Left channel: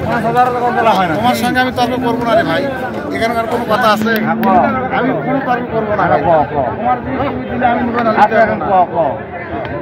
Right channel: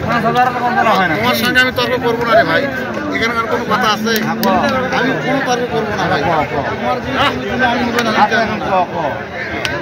তোমার সঙ্গে আমি তর্ক করবো না রে ভাই, এখানকার কোনো কথা আছে? আমি কোনো তর্ক করবো না ভাই। তোমার জিনিস আমি নেবো না,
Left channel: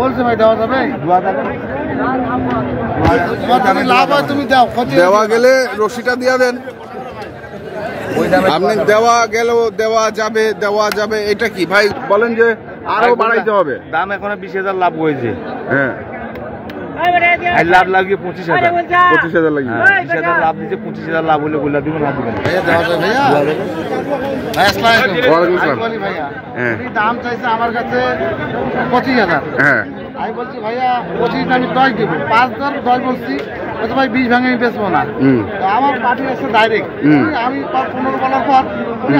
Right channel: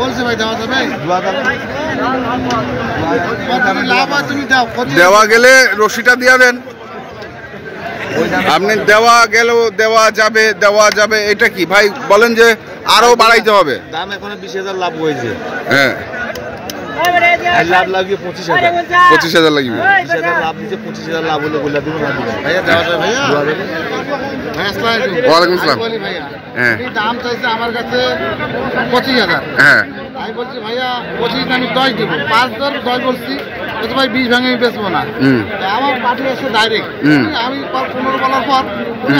বলছে ভাই দেওয়া যাবে? লাভ হয় তুমি দাও। দেওয়া গেলে রশিটা দিয়ে দেন। আপনি দেওয়া গেলেও দেওয়া যাবে এটা কি ভাই বলেন যে আরো বাড়াইতে হবে? দাম এখন 20,000 লাভ হয়েছে। হ্যাঁ, লাভ লাগিয়ে 25,000। 25,000 লাগবে। 20,000 লাভ দিতে 25,000 লাভ হলে বলে দিব না দিব ভাইয়া। ওয়ালাইকুম আসসালাম। হ্যাঁ, দাম চাইছে আমার কাছে 25,000। হ্যাঁ, আমি বলছি ভাইয়া 25 আমি 10 দেবো, 5 10 বলছি, তো ভাই 20 ভাঙে আমি বেচবো না। আমার পার্টি আসছে ডাইরেক্ট, আমি 15 বলার পর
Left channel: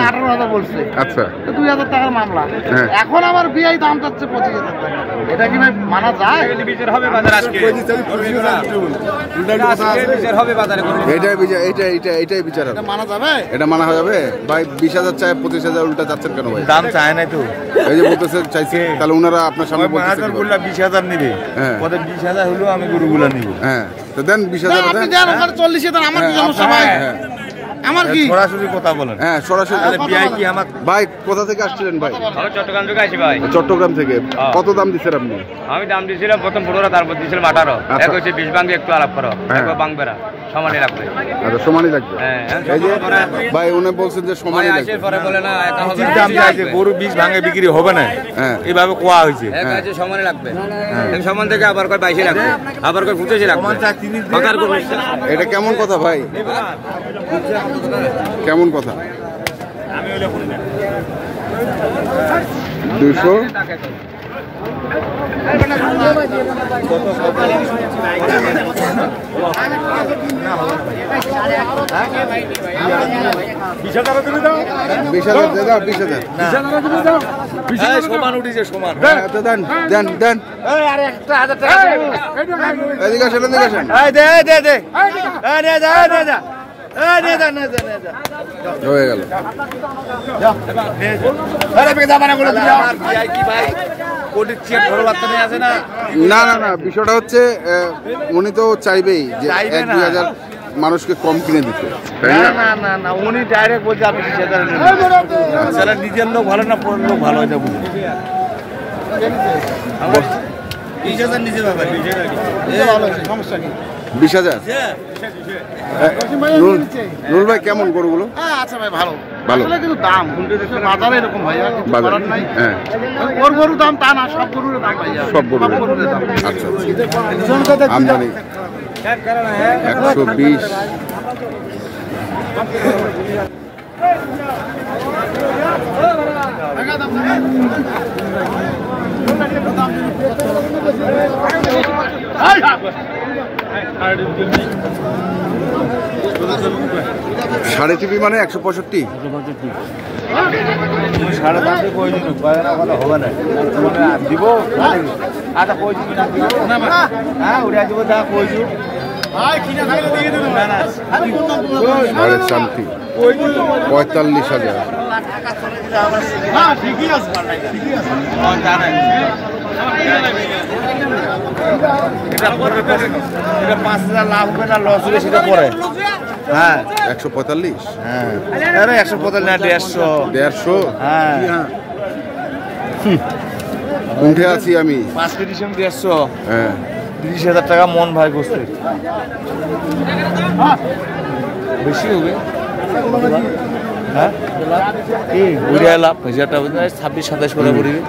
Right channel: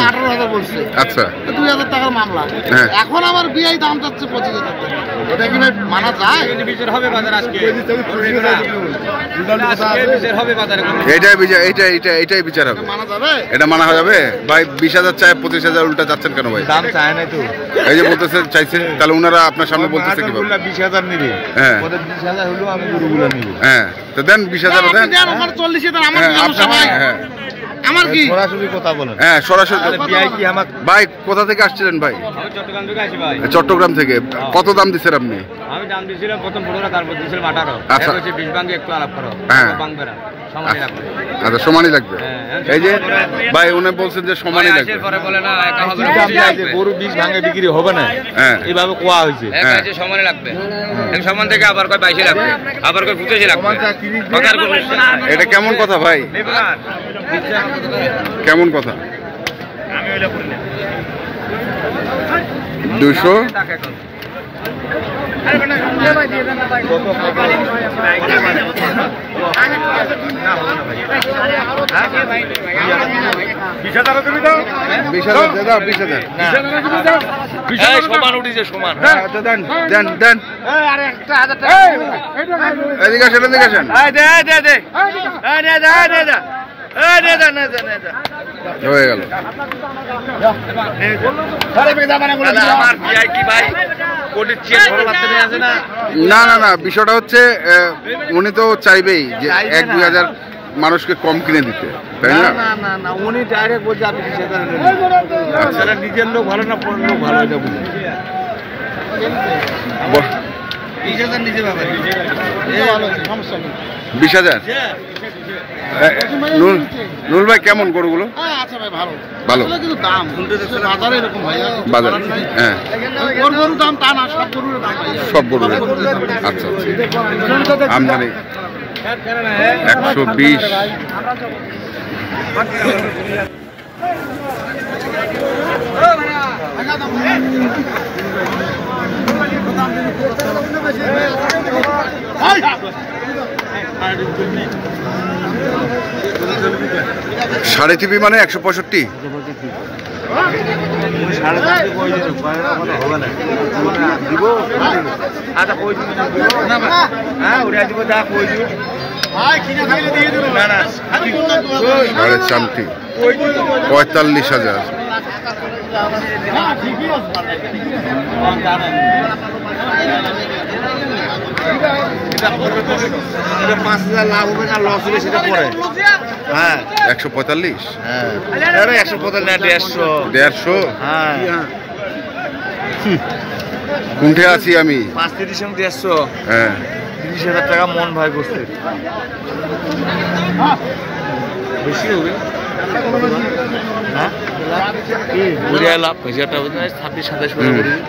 18,000 বলছি। আচ্ছা, 2,000 টাকার মামলা। এখন আমার বিআই দাম চাচ্ছে 25,000 টাকা। এটা কি ভাই মানা যায়? বিচার হবে বাজার আজকে, এটাই বিচার হবে। মানা যাবে? এটা মানা যাবে ভাই? 20,000 চাই 25,000 উল্টা চাচ্ছেন কেন ভাই? দাম চায় না তো, এই যে বলতেছে চাইছে, তাহলে ওনারা আপনার সামনে বলতেছে কি? 20,000 নিবে। হ্যাঁ, 20,000 হলো আমি গরুগুলা নিব। হ্যাঁ, তো দেন 20,000 দেন। 40 দেন আমার। হ্যাঁ, আমার কি সরাসরি কথা বলেন? হ্যাঁ, সরাসরি। কি আমার ভাই কোথা থেকে আসছিলেন ভাই? আমি চট্টগ্রাম থেকে আসি ভাই। চট্টগ্রাম থেকে। কত দাম দিচ্ছেন আপনি? আমি দাম দিয়েছিলাম প্রথম 15, তারপর দিয়েছিলাম 18। আচ্ছা, 20 ভাঙে একটু আলাপ করো, ভাঙবে না, সমানই রাখবে। আচ্ছা, সমানই লাগবে। এই যে ভাই উনি বলছেন যে সমানই লাগবে। পরে বলে না দাম চাইছে, গরু 20 ভাঙে বিক্রি হবে না। হ্যাঁ, এইভাবে কোয়া হয়েছে। হ্যাঁ, সমানই লাগবে। সমান থেকে আবার কয় 22 লাগবে, আবার কয় 25 লাগবে। কথার কোনো এটা কেমন কথা ভাই? কেমন কথা? আমি ওইটা করি না। 200 সমান উঠিছে, সমান। দেন দেন দেন। এদিকে আসেন, এদিকে আসেন। হয়ে গেল। না না না, বিষয়টা হচ্ছে উনি তো চাইবেই যে 1-2 হাজার মানুষকে কম কিনে দিতে, তাই না? না, উনি ডাইরেক্ট বলছে আপনি নিজের লোক ভালো না, পরের লোক ভালো হয়ে যাবে। 20,000 নিজে সমস্যা নেই। 20,000। নুল ভাই কেমন গরুগুলো? আচ্ছা ভাই, ভালো ভালো, কিন্তু দাম বাজারে এরকম ভাইয়া, বাজার। হ্যাঁ, গরুর দাম তা না, সব গরুর দাম ভাইয়া, সব গরুর। আচ্ছা, আমদানি 120। সাড়ে টিভি মানে 165। সাড়ে চারটি 45,000। এটা 5,000 লাভ হবে না, লস হবে সেটা পরে। হ্যাঁ, 145। হ্যাঁ, 145 না, 150। হ্যাঁ, কোনঠে আছি আমি? 5 কেজি 150। হ্যাঁ, 30,000 টাকা মন ভাই বসতে বেশি হবে। হ্যাঁ, ঘুরে লাভ 26-27 করে বেরিয়ে।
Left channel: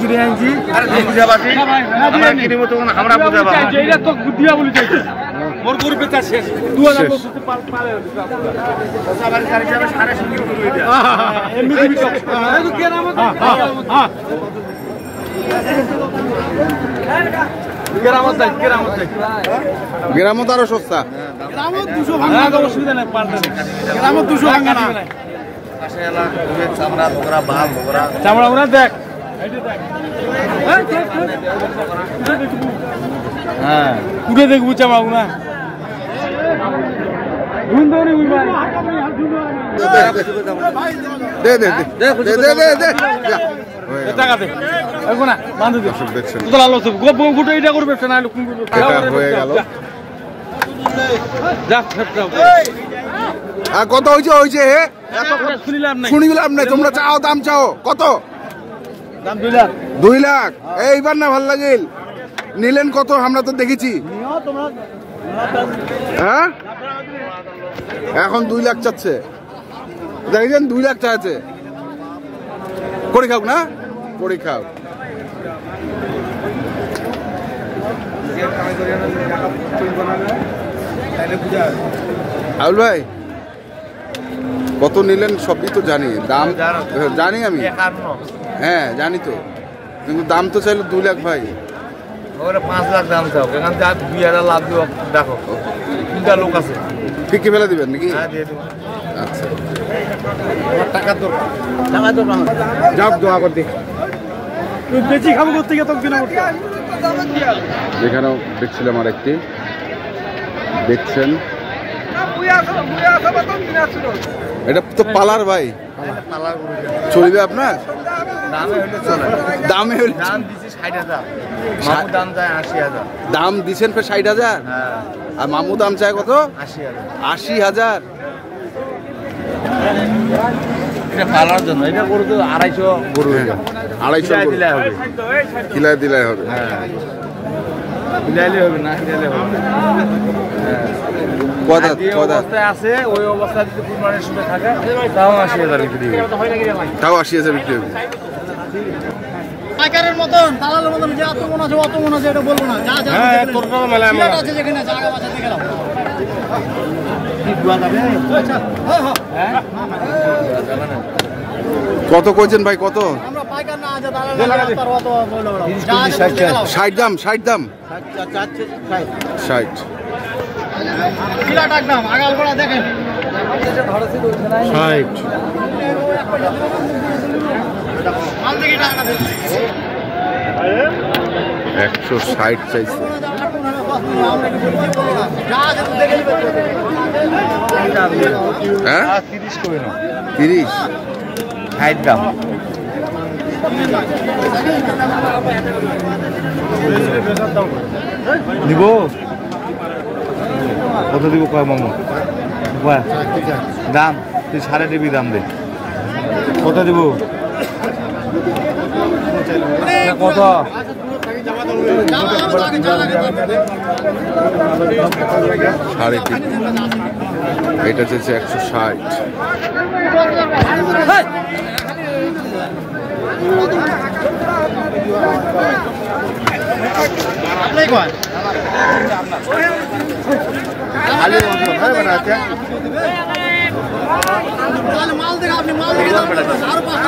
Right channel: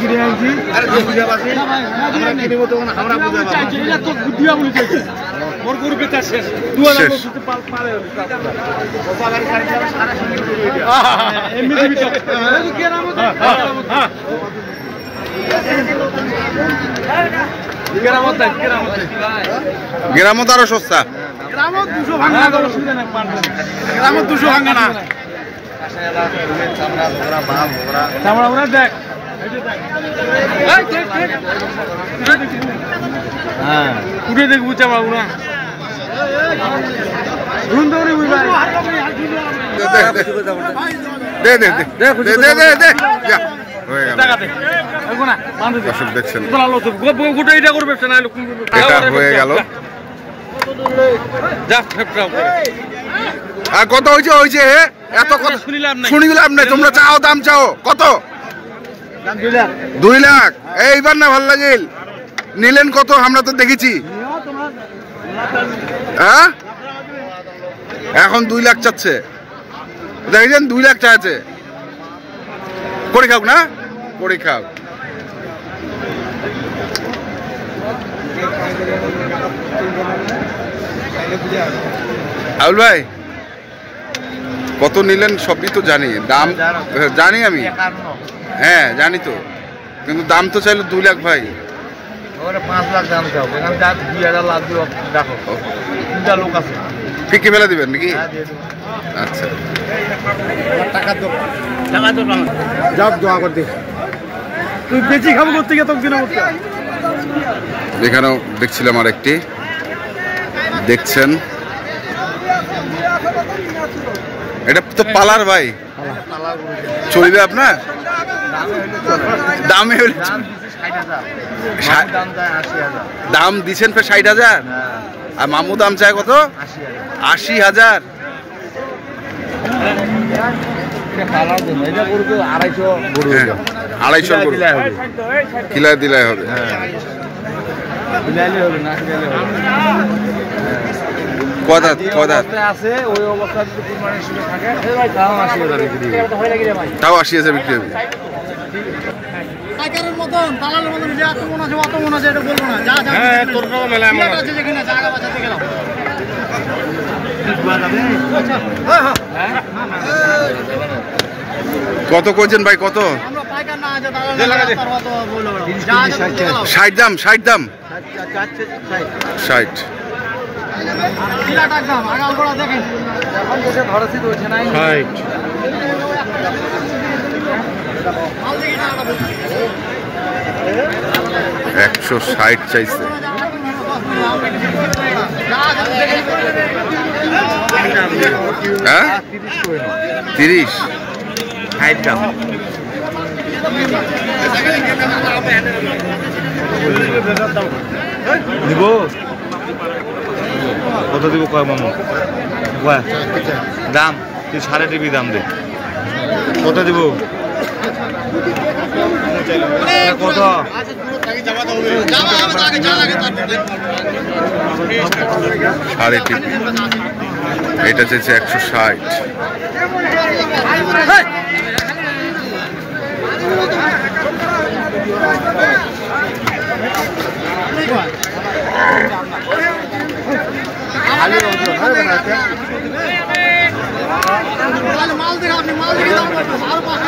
কিনে আনছি আমরা মোর গরু বেচা শেষ গ্রামত আরো সস্তা গ্রামত 200 ভাঙা অসুবিধা নাই গ্রামত 200 ভাঙা না চামড়া ওরা দেখ হ্যাঁ কুড়ে দেখবো চামড়া ওরা দে দে দে দে দে দে দে যা হয়ে গেল দর্শক দেখছেন এটা হয়ে গেল আর কত হয়েছে হয়েছে এত কত শুনিলাম না তোমরা চাও দাম চাও কত 2 লাখ এইবার না ভাল লাগিল নিলেন কত আমরা তো দেখেছি হ্যাঁ এখন 2 লাখ চাচ্ছে দেখেছেন 2 লাখ চাচ্ছে করে খাও না করে খাও আউল ভাই কত নিলেন সবই তো জানি দাম জানি আমি হ্যাঁ জানি তো কিন্তু দাম তো চাইলো 2 লাখ ভাই 5 লাখ দাম চাও এখান থেকে 2000 লাভ দিও দেখো তিনটা লোক আছে ফিকে ফেলে দিবেন নাকি আচ্ছা টাকা তো যাও দোয়া করে দিও তুই বেশি খাবো করতে গিয়ে তো দিন এখানেও দেখছিলাম আর একটি দেখছেন এটা তো পালার ভাই চলবে আপনার দামে হলে দাম দিচ্ছেন ফের 60,000 আর মামু দাম চায় কত 80,000 পালার জন্য এটা গরু তো 250 গরু 250 গরু কিলা দিলাই হবে আছে ওই অবস্থা যদি কুরবানির সময় থাকে তাও 80,000 বিক্রি তাও 80,000 বিক্রি হবে পাইকারের মতন দালালের মতন যে এত মন আছে অত মন আছে এটা বলবো না যা যা হ্যাঁ তোর নাম মেলা মেলা আছে যেখানে জায়গা বাঁচাতে গেলাম কত কইছেন ভাই কত আমরা পাইকার না আছে দালাল করব তো বলবো 60 দাম 60 দাম 60 কিলা টাকা দাম আগাল বড়া দেখেন ধরেছি রয়েছে নাই 160 চাইছে হ্যাঁ 30 দিব কত দিব কয় মামু দাম তুই 3.5 দাম দে কত দিব কত সাড়ে তিন এটা চাইছে 160 মাল দেখে আপনি মাল দেখে দাম করবেন আর 5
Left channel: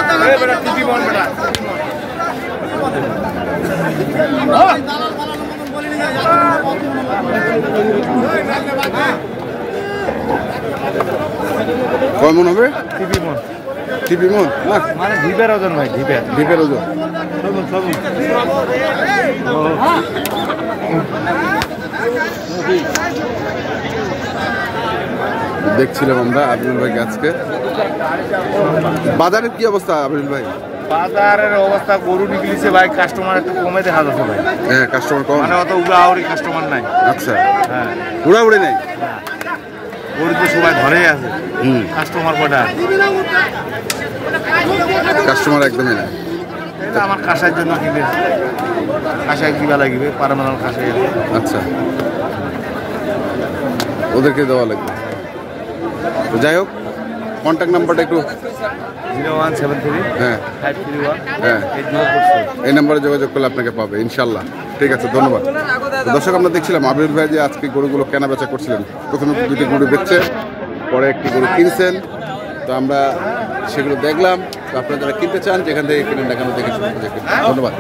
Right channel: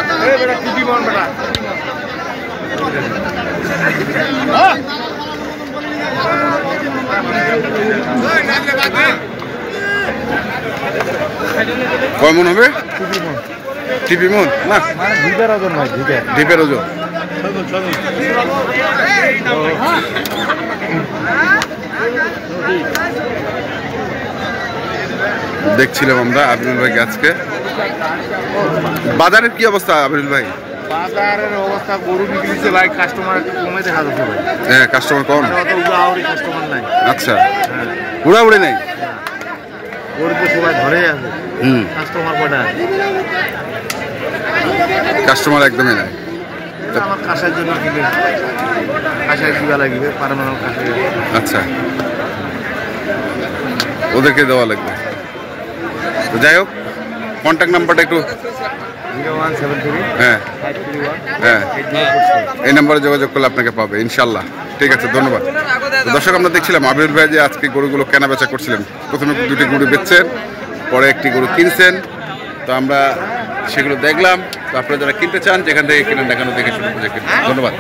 টাকা কয় মন হবে টিপি মন না মানে ঢিপের ওজন ভাই ঢিপের ওজন দেখছিলাম আমরা আবিরুল ভাইকে আজকে বাজারের কি অবস্থা আবিরুল ভাই বাজারের অবস্থা গরু নিতে ভাই কাস্টমার একটু কমে দেখা যাচ্ছে ভাই হ্যাঁ কাস্টমার কম মানে অত উড়াউড়ি কাস্টমার নাই আচ্ছা হ্যাঁ উড়াউড়ি নাই গরু তো সবাই ঘরে আছে কাস্টমার কয়টা কাস্টমার একদমই নাই। আমার কাঁসার জন্য কিনে কাঁসায় দিবা লাগবে পারমানেন্ট কাঁসায়। আচ্ছা, ওদেরকে দেওয়া লাগবে। তো যাই হোক, কন্ট্যাক্ট নাম্বারটা একটু। 0173 হ্যাঁ 531 হ্যাঁ 8046। এই নাম্বারে যোগাযোগ করলে আপনাকে পাবে ইনশাল্লাহ। ঠিক আছে, ধন্যবাদ। তো দর্শক, আমরা দেখছিলাম আবির ভাই যে আজকে গরুগুলো কেনা বেচা করছিলেন। প্রথমে 2টি গরু বেচছেন, পরে একটি গরু কিনছেন। তো আমরা সেগুলো দেখলাম। তো আপনারা যারা কিনতে চান, যেখান থেকে কিনেন দেখানো দেখে শুরু করে কিনবেন। ধন্যবাদ।